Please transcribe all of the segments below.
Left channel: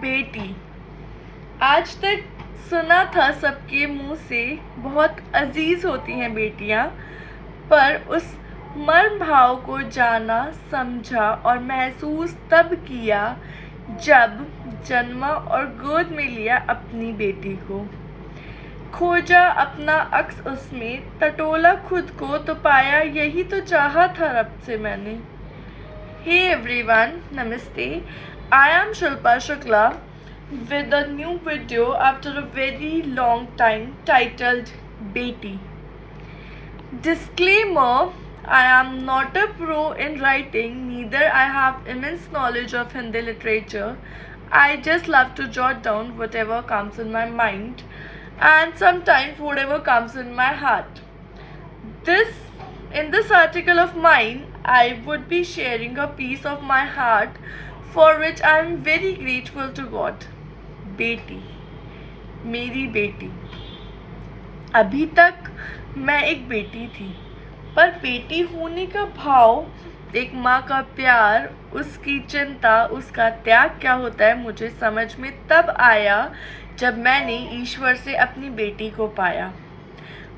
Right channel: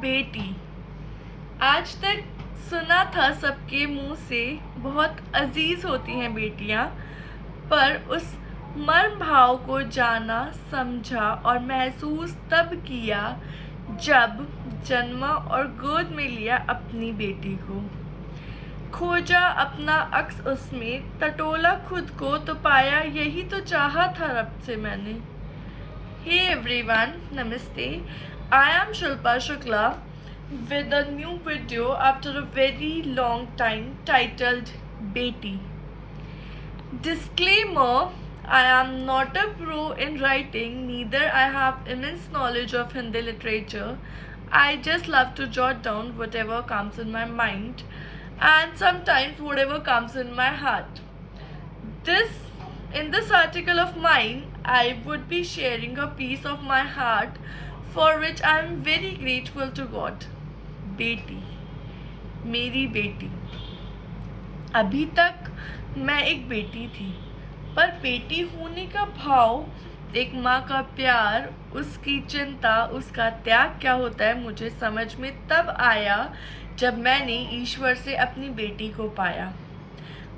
बेटी। आज तक सुना था सबके मुंह से बहुत अजीज होती हैं बेटियां, पर उस मर्म भाव को जाना, समझा और महसूस तब किया जब जन्मा और गोद में लिया अपनी बेटी को। खोजा अपना अक्स उसमें, टटोला खुद को तो पाया यही तो चाहा था रब से मैंने। हे एवरीवन, नमस्ते। I am Shilpa Shukla with a new video after a very long time titled Beti. Disclaimer: I am not a pro in writing, neither I have immense knowledge of Hindi literature. I just love to jot down whatever comes in my mind and sometimes whatever comes in my heart. In this article of mine, I would be sharing a piece of my heart for which I am very grateful to God. बेटी, मेरी बेटी। अभी तक मैं एक बेटी थी, पर बेटी होने का भाव, एक माँ का प्यार, उसकी चिंता, उसका त्याग क्या होता है मुझे समझ में तब आया जब मैंने ईश्वर से अपनी बेटी को पाया।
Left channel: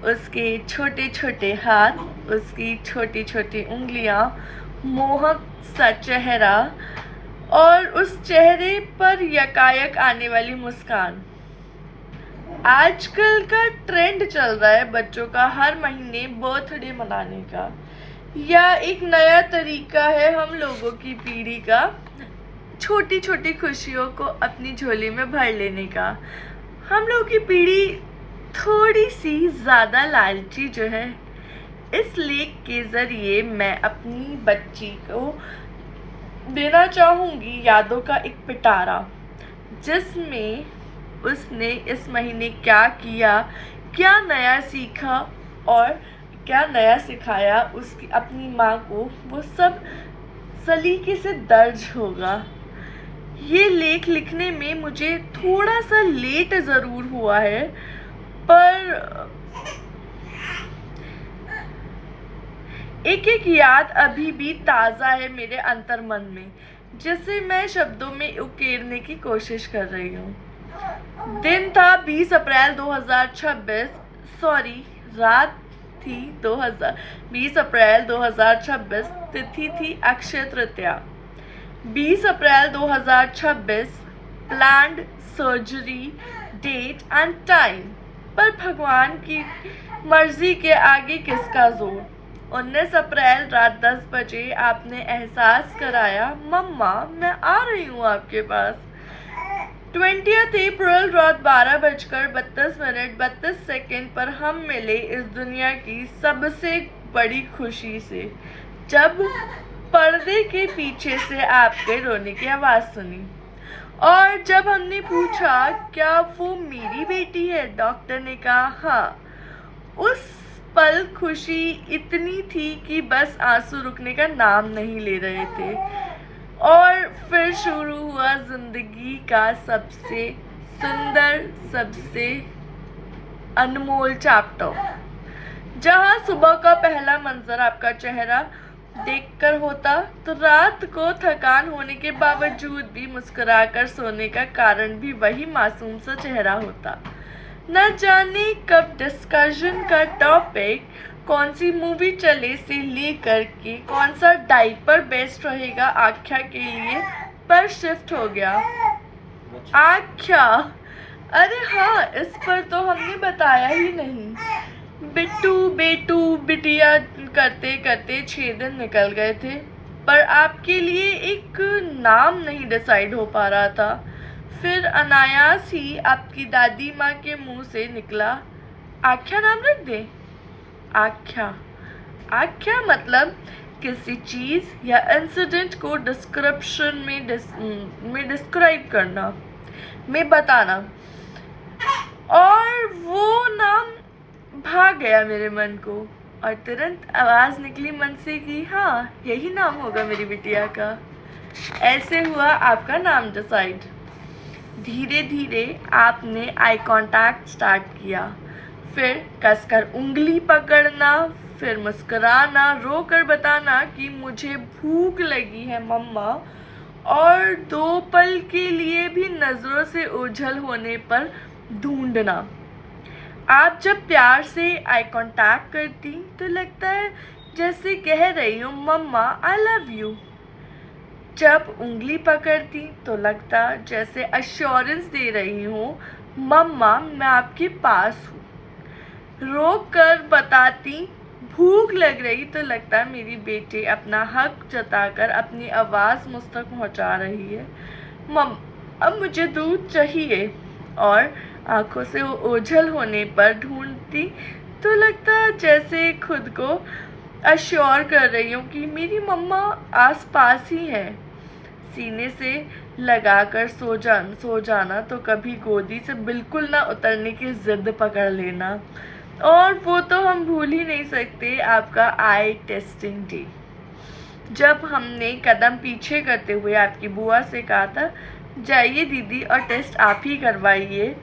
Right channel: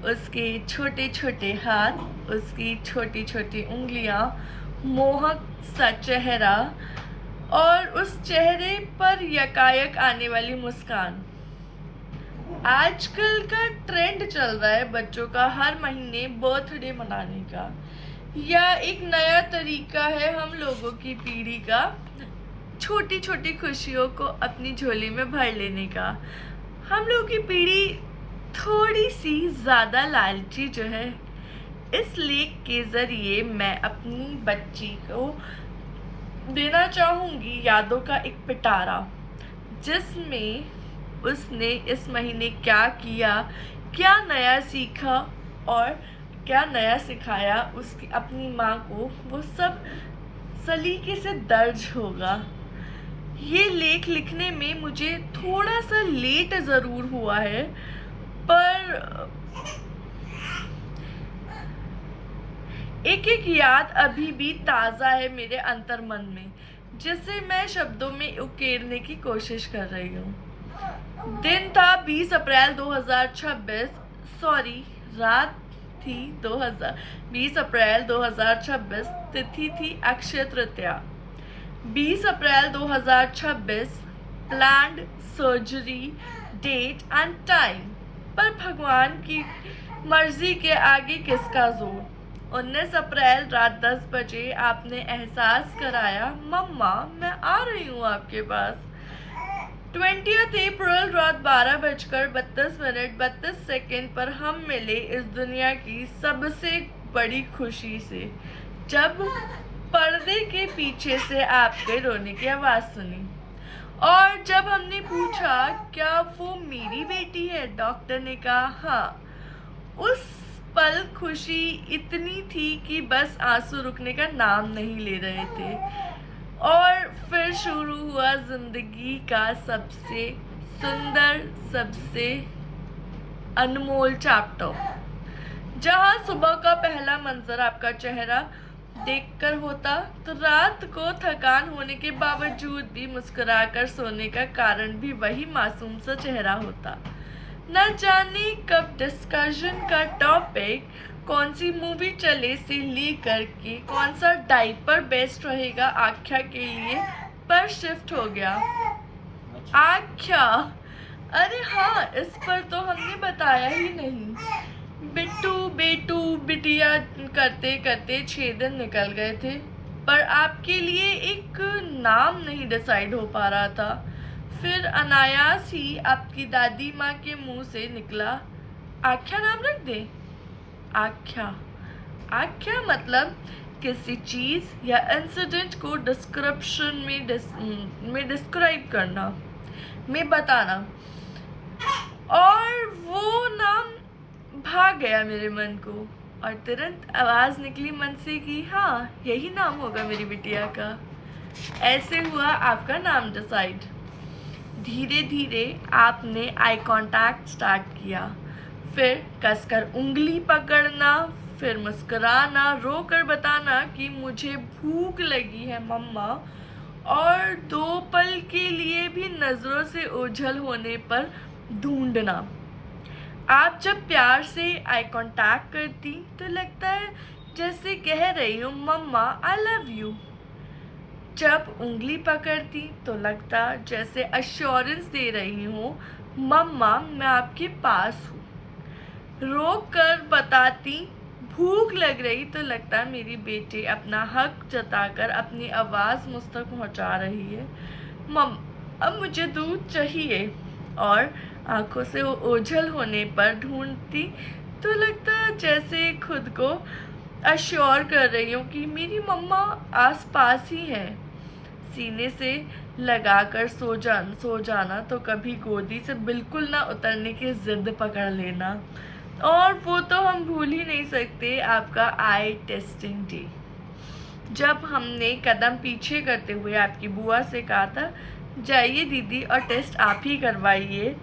उसके छोटे छोटे हाथ, उसकी छोटी छोटी उंगलियां, मोहक सा चेहरा और उस चेहरे पर यकायक आने वाली मुस्कान। आजकल का ट्रेंड चल रहा है बच्चों का हर महीने बर्थडे मनाने का, या एक नया तरीका है हम लोगों की पीढ़ी का छोटी छोटी खुशियों को अपनी झोली में भर लेने का। हम लोगों की पीढ़ी थोड़ी सी ज़्यादा लालची जो है। इस लेख के ज़रिए मैं अपनी बच्ची को देना चाहूँगी यादों का एक पिटारा, जिसमें उसने इस महीने क्या किया, क्या नया सीखा और क्या नया सिखाया उसकी अपनी माँ को, वो सब सलीके से दर्ज होगा। ये लेख लिखने में मुझे थोड़ा सा लेट ज़रूर हुआ है, पर एक एक याद अभी भी ताज़ा है मेरे अंतर्मन में, जिसे मैं शब्दों में उकेरने की कोशिश कर रही हूँ। दिन था 20 अप्रैल 2026, रात थी 20 अप्रैल 2026, तिथि थी Akshaya Tritiya. 20 April 2026, planned surgery date and time, पर भगवान की मर्जी के आगे किसका जोर। 19 अप्रैल रात 10 बजे आपने एहसास कराया, मम्मा मैं आ रही हूँ आपके पास। 20 अप्रैल रात 12:32 पर हम मिले इस दुनिया की सबसे बड़ी खुशी से, जब पर्दे के पीछे से आपके रोने की आवाज़ सुनी। और जब हमने पूछा क्या वो मेरी बेटी है, डॉक्टर ने कहा हाँ। उस पल खुशी इतनी थी कि बस आंसू रुकने का नाम नहीं ले रहे थे। और फिर शुरू हुआ जिंदगी का सबसे सुंदर, सबसे अनमोल चैप्टर, जहां सुबह का पहला मंजर आपका चेहरा देखकर होता तो रात को थकान होने के बावजूद भी मुस्कुराकर सोने का कारण भी वही मासूम सा चेहरा होता। न जाने कब डिस्कशन का टॉपिक कौन सी मूवी चले से लेकर के कौन सा डाइपर बेस्ट रहेगा आख्या के लिए पर शिफ्ट हो गया। आख्या, अरे हाँ, इस पर तो हमने बताया ही नहीं। बिट्टू, बेटू, बिटिया करते करते 6 दिन निकल गए थे, पर आपके लिए एक नाम नहीं डिसाइड हो पा रहा था। फिर अनायास ही आपकी दादी माँ के मुंह से निकला, आख्या नाम रख दे। आख्या मतलब किसी चीज़ या इंसिडेंट को डिस्क्रिप्शन में डिस्क्राइब करना, में बताना। और वो नाम भाग गया मेरे मन को, और तुरंत आवाज़ निकली मन से कि हाँ, यही नाम होगा मेरी बिटिया का। ऐसे हुआ आपका नाम डिसाइड। धीरे धीरे आपने आई कांटेक्ट स्टार्ट किया, फिर कसकर उंगली पकड़ना, फिर मुस्कुराना, रो कर बताना कि मुझे भूख लगी है मम्मा, और 2 पल के लिए भी नज़रों से ओझल होने पर ढूंढना। आप जब प्यार से आई कांटेक्ट करती तो लगता है जैसे कह रही हूँ मम्मा आई लव यू। जब उंगली पकड़ती तो लगता जैसे अश्योरेंस दे रही हूँ मम्मा मैं आपके पास हूँ। रोक कर बताती भूख लग रही तो लगता मेरी बेटी अपना हक जताकर अपनी आवाज़ मुझ तक पहुँचा रही है। मम अब मुझे दूध चाहिए। और आंखों से ओझल होने पर ढूंढती तो लगता जैसे खुद को अश्योर कर रही हूँ कि मेरी मम्मा आस पास ही है। सीने से लगाकर सो जाना तो कभी गोदी से बिल्कुल ना उतरने की जिद पकड़ लेना। और वो तो हम भूल ही नहीं सकते आपका आई टेस्टिंग डे, जब हमने कदम पीछे करते हुए आपकी बुआ से कहा था जाइए दीदी और टेस्ट आप ही करवाइए।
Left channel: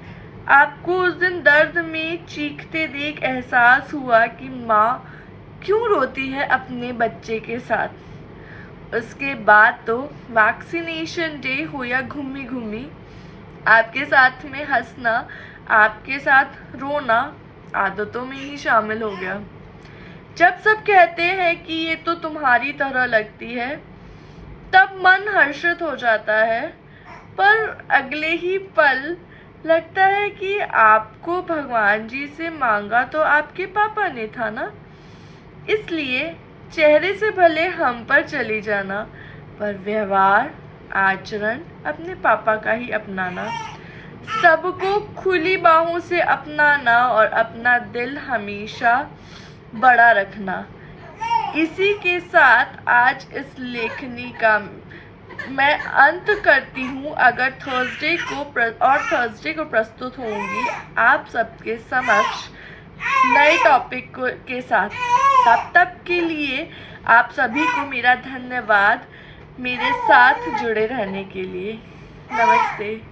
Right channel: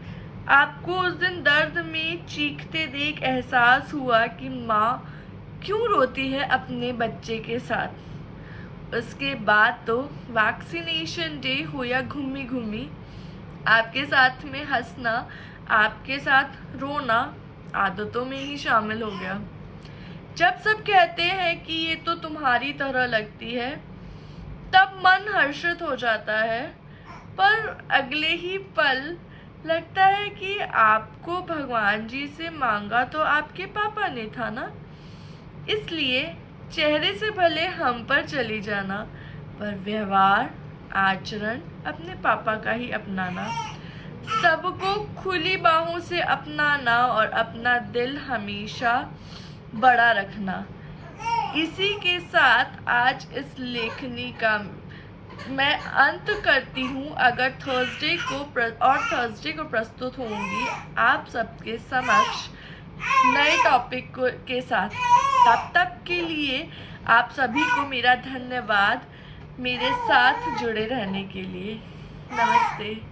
आपको उस दिन दर्द में चीखते देख एहसास हुआ कि माँ क्यों रोती है अपने बच्चे के साथ। उसके बाद तो वैक्सीनेशन डे हो या घूमी घूमी, आपके साथ में हंसना, आपके साथ रोना आदतों में ही शामिल हो गया। जब सब कहते हैं कि ये तो तुम्हारी तरह लगती है तब मन हर्षित हो जाता है, पर अगले ही पल लगता है कि आपको भगवान जी से मांगा तो आपके पापा ने था ना, इसलिए चेहरे से भले हम पर चली जाना पर व्यवहार आचरण अपने पापा का ही अपनाना, सबको खुली बाहों से अपनाना और अपना दिल हमेशा बड़ा रखना। इसी के साथ आज इस लेखनी का मैं अंत करती हूँ। अगर थर्सडे को प्रस्तुत होंगी आप सबके समक्ष नए टॉपिक के साथ। तब तक के लिए आप सभी को मेरा धन्यवाद मेरे साथ जुड़े रहने के लिए। नमस्ते।